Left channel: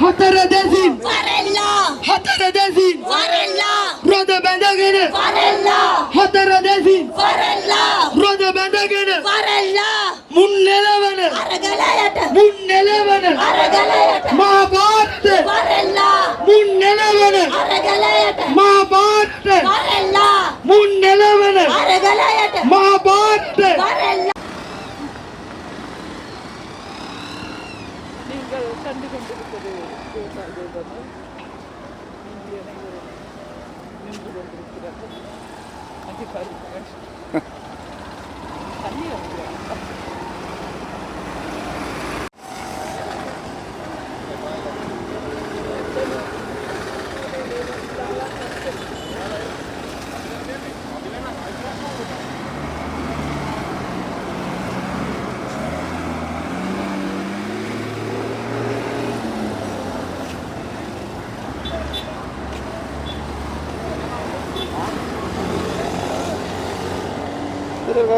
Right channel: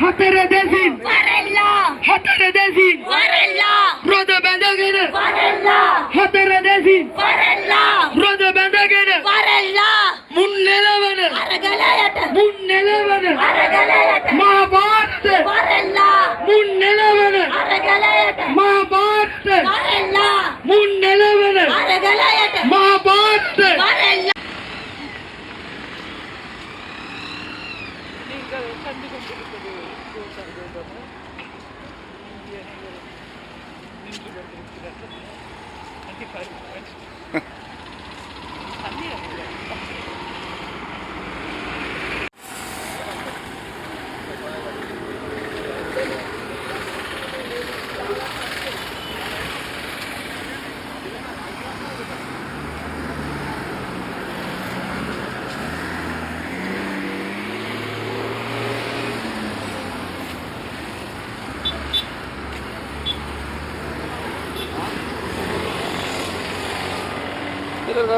හතර දැසින් හතර දැසින් රොද බැඳගෙන හතර දැසින් රොද බැඳගෙන මුන් නෙලවන මුන් නෙලවන මා පාත්ත මුන් නෙලවන මා පාත්ත මුන් නෙලවන මා පාත්ත makan tu kan kita ada Kau tak ada dah tu Nanti baru kan Tak ni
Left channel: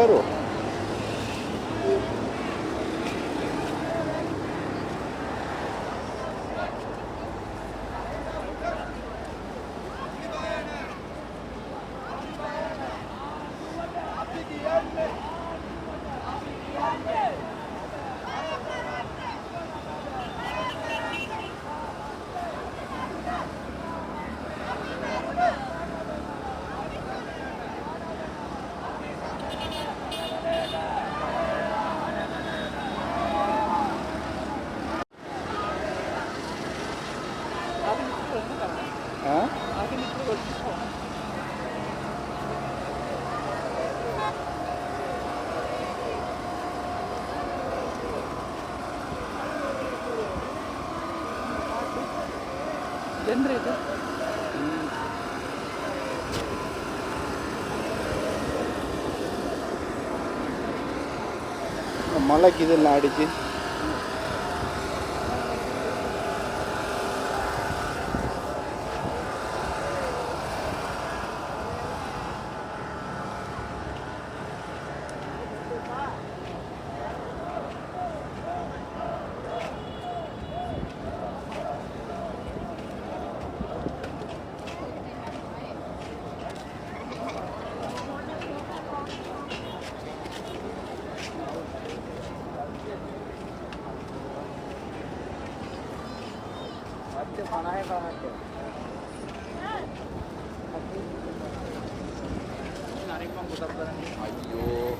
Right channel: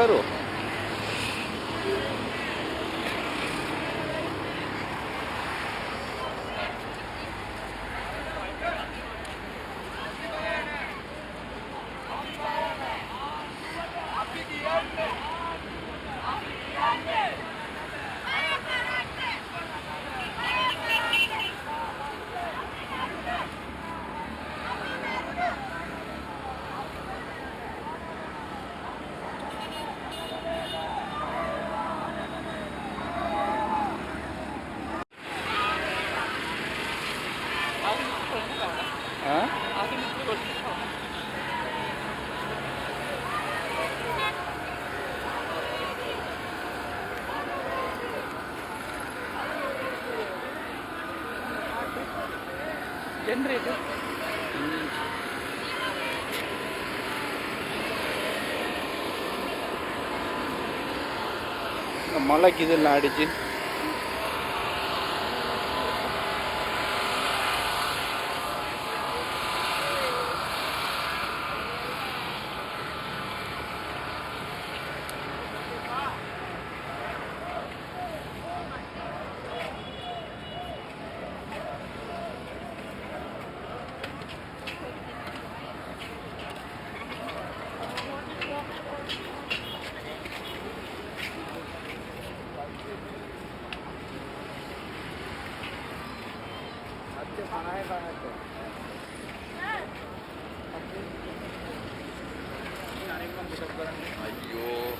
గారు வந்துடுது மழைக்கு இதெல்லாம் அடிச்சு तो खाना है बाहर का आइयो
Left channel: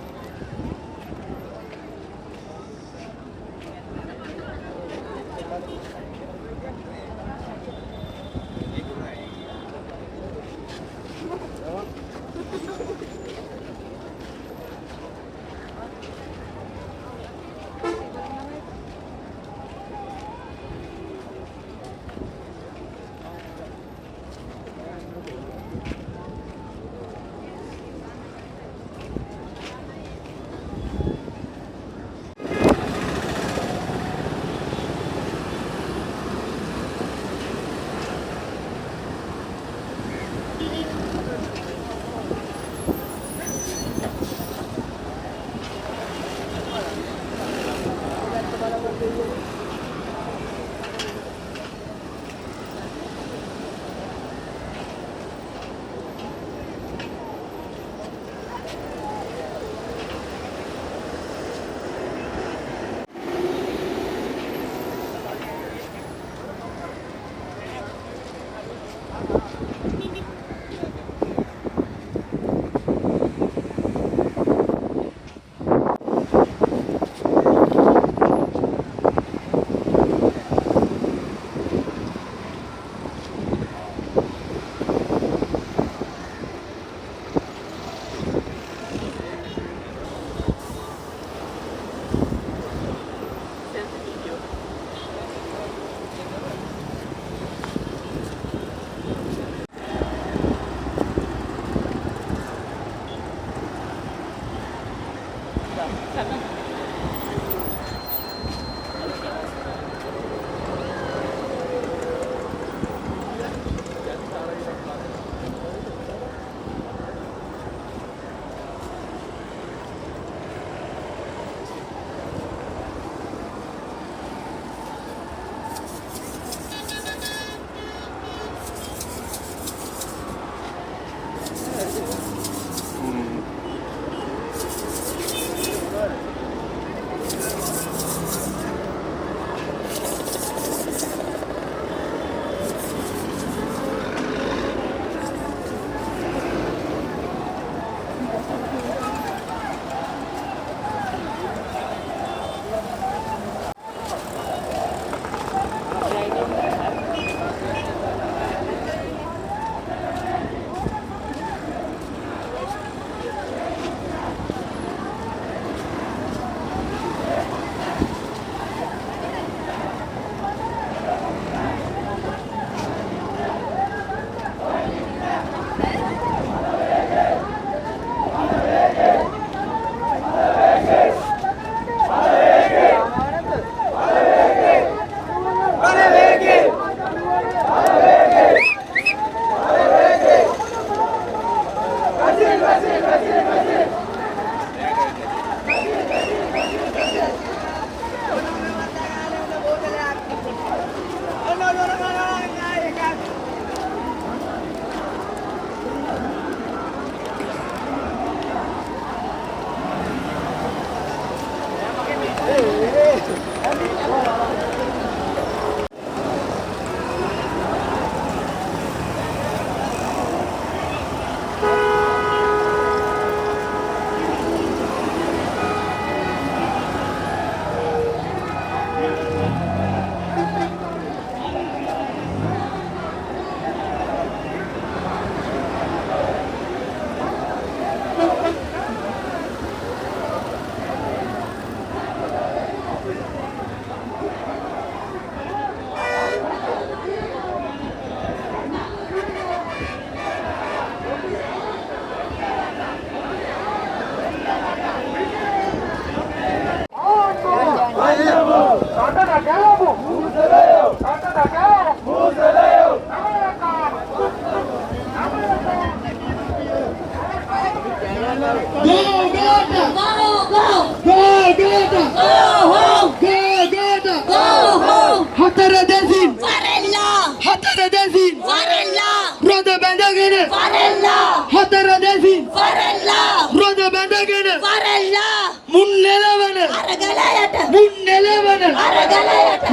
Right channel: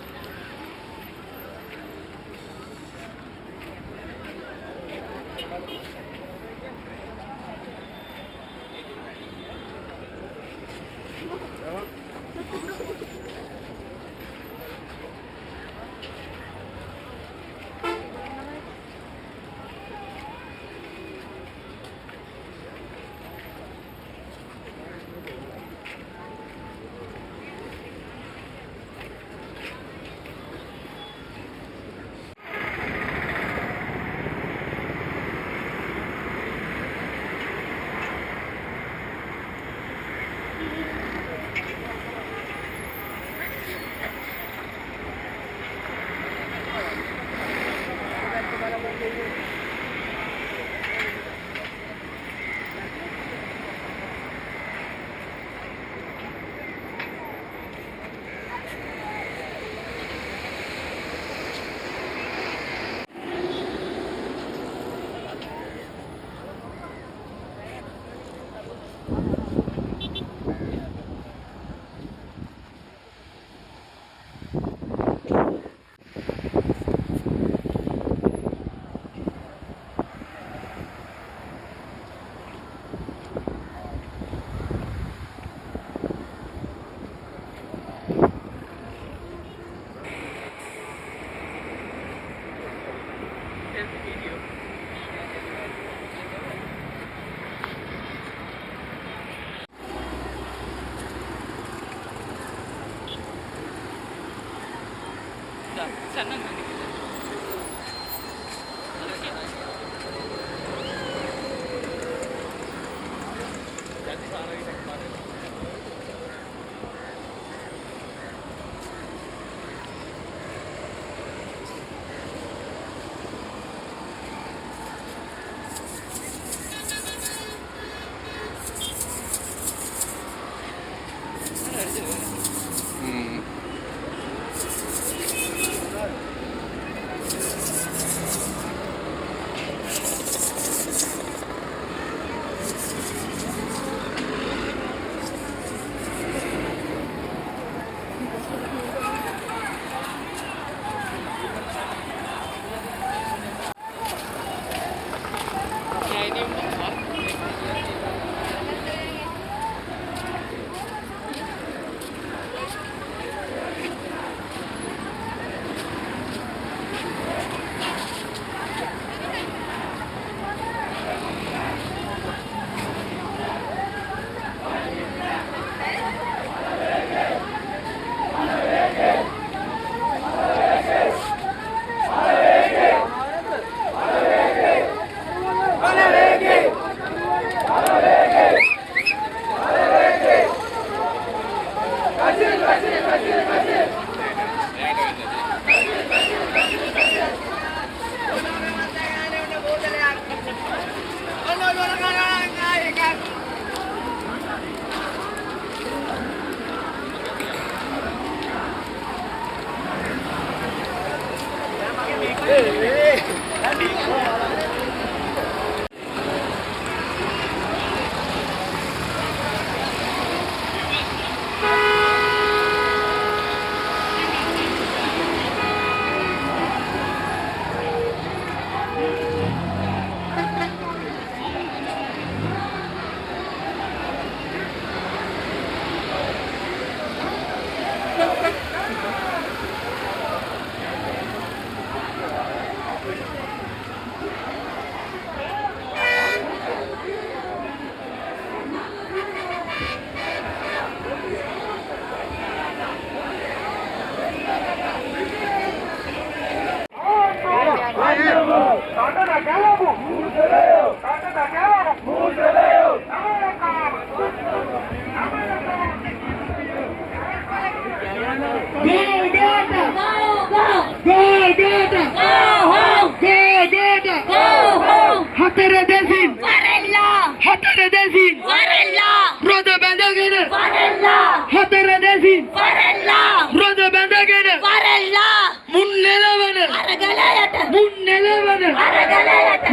Yeah.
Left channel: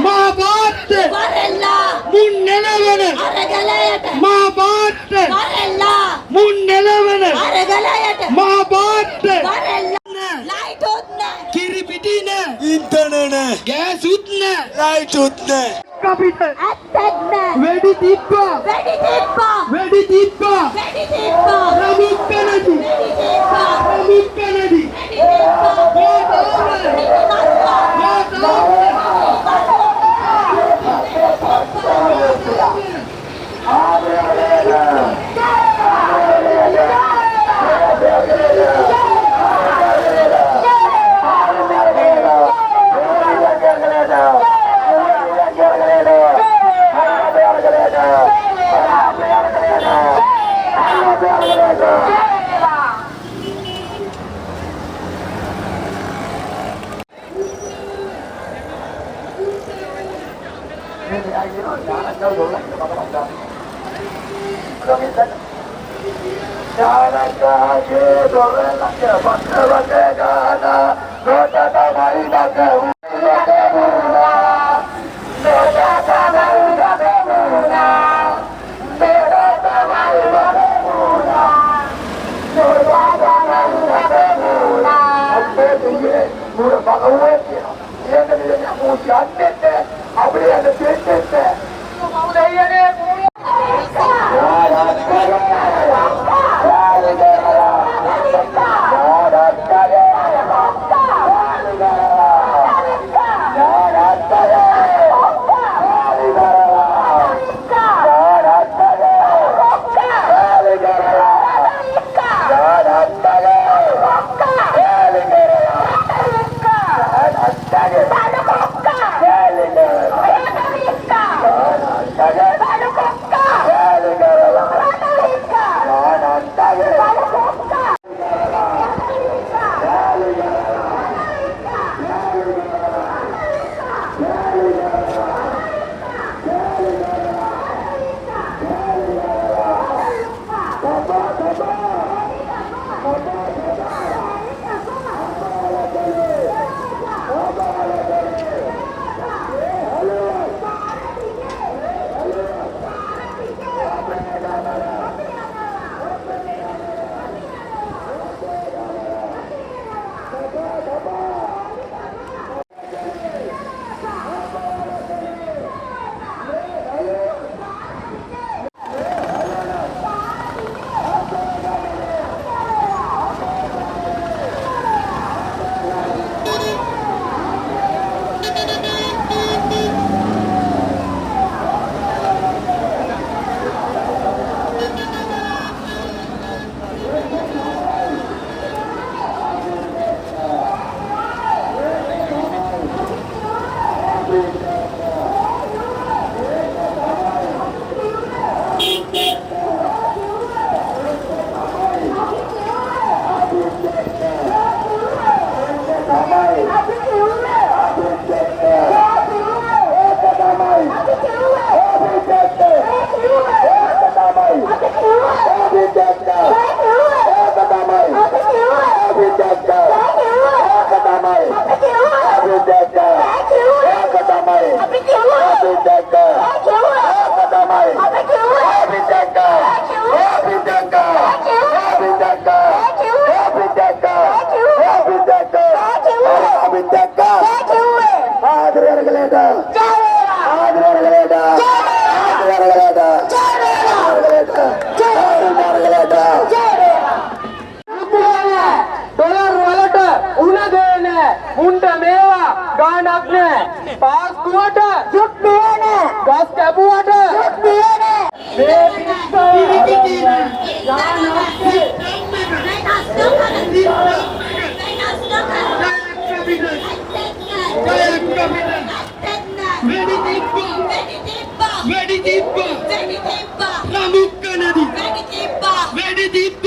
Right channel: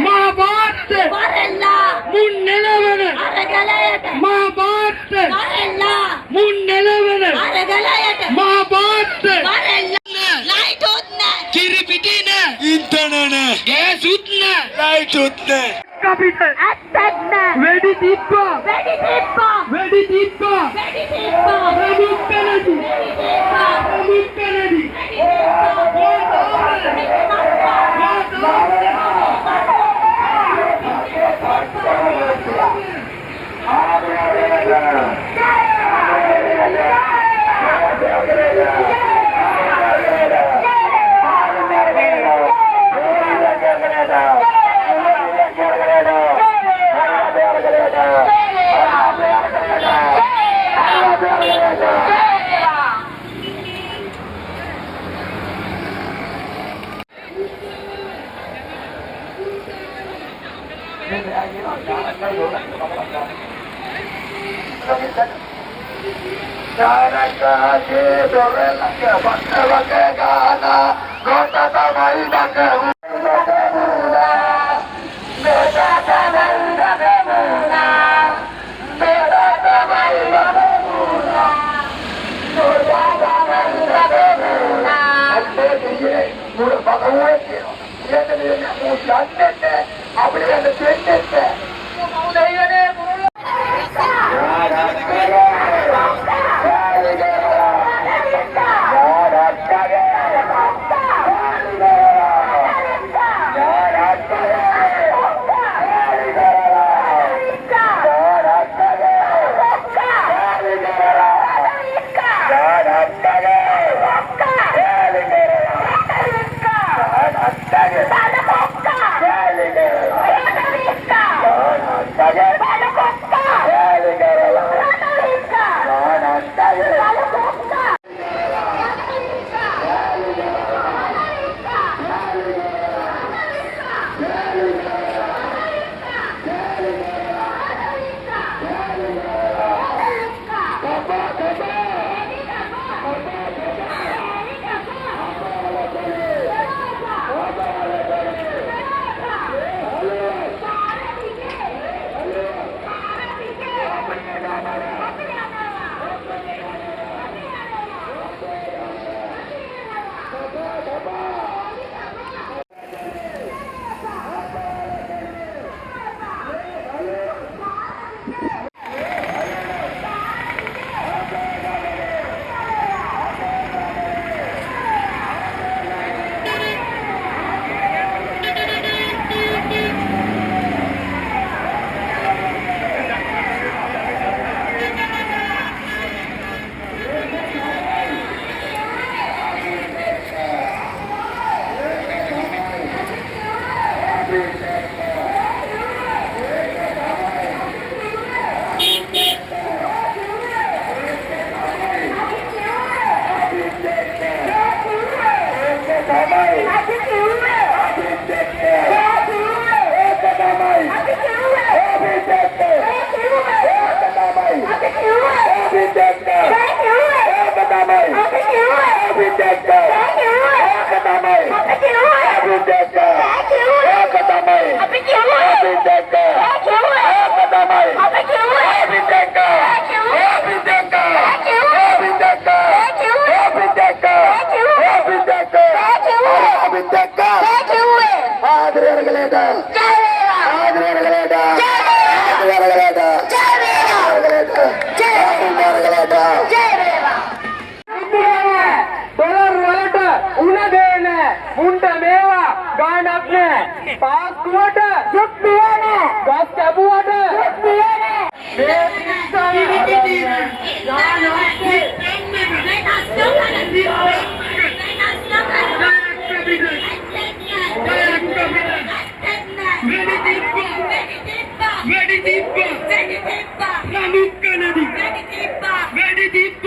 மாபாட்டு முன்னிலவன. மாபாட்டு முன்னிலவன. மாபாட்டு கிரிபிட்டின இந்தனன. கேஸ் உத்ன லைட் உத்ன கபிட்ட அத்தக்ன வெடி தீப்பா வெடி தீப்பா வெடி தீப்பா வெடி தீப்பா ഭഗവതി ഏകദേശം നൂറ്റി അഞ്ചെട്ട് അവിടെ എന്റെ തെറ്റെട്ട് Happy Dada. Happy Dada. Happy Dada. गण अपने पास क्वार्टर जुट दिया ने दस कैबू वाटर जुट दिया ने Meditate, meditate, meditate, meditate, meditate, meditate, meditate,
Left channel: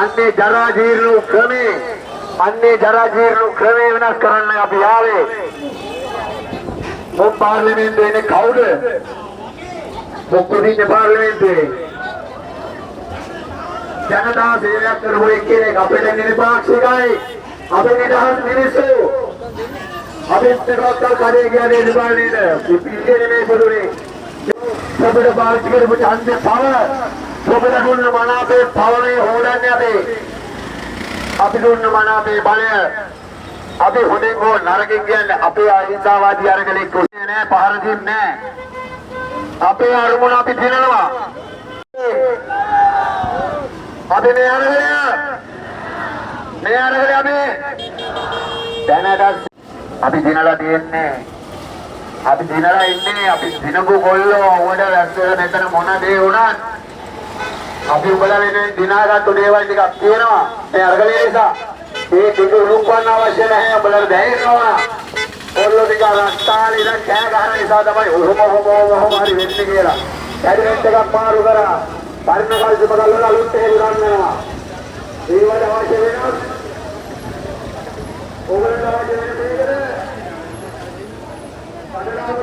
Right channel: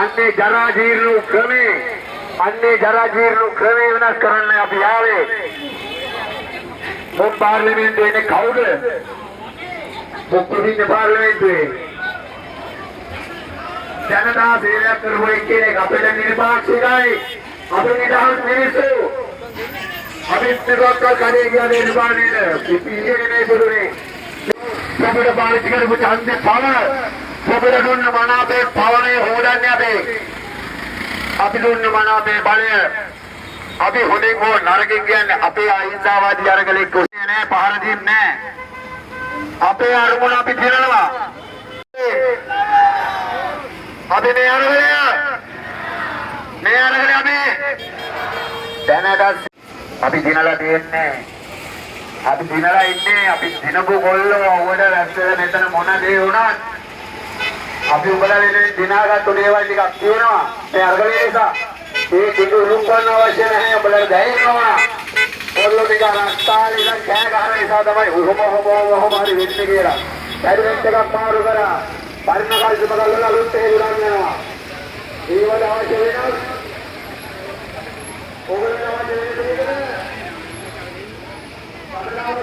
අන්නේ ජරා ජීර්ණ ක්‍රමේ. අන්නේ ජරා ජීර්ණ ක්‍රමේ වෙනස් කරන්න අපි ආවේ. මොම් පාර්ලිමේන්තුවේ ඉන්නේ කවුද? මොකද ඉන්නේ පාර්ලිමේන්තුවේ? ජනතා සේවයක් කරපු එක්කෙනෙක් අපිට නිර්පාක්ෂිකයි අපි නිදහස් මිනිස්සු. අපි පිටරට කරේ ගියානේ නිබාලනේද පිටියේ පොදුනේ අපිට පාවිච්චි කරපු ඡන්දේ පව ඔබට දුන්න මනාපේ පවනේ හොදන්නේ අපි. අපි දුන්න මනාපේ බලය. අපි හොඳින් හෝ නරකින් කියන්නේ අපේ අහිංසාවාදී අරගලෙක් කොහේ නෑ පහර දෙන්නේ නෑ. අපේ අරමුණ අපි දිනනවා. අපි මේ අරගලය. මේ අරගලය අපි දැනගත් අපි දිනලා දෙන්නේ අපි දිනලා ඉන්නේ අපි දිනපු කොල්ලෝ උඩ රැස්සේ මෙතන මොන දේ වුණත් අපි උඹලා වෙනුවෙන් දිනාගත්තු දේවල් ටිකක් කියනවා මේ අරගලේ නිසා මේ කිඳු උලුම්පන්න අවශ්‍ය නැහැ. උඹලා දැනෙන්න ඕන. ඔල්ලෝ ටික රස්තාලේ ඉඳන් කෑ ගහන නිසා තමයි ඔහොම ඔහොම ඔහොම හරි වෙන්නේ කියලා. කැබිනට් එකක් මාරු කරා. පරිණ කල්ප බලලා අලුත් එක ගන්නවා ඒ වල අවශ්‍ය වෙනස්. ඔයගොල්ලෝ අවශ්‍ය වෙන දෙයකට පරිණාම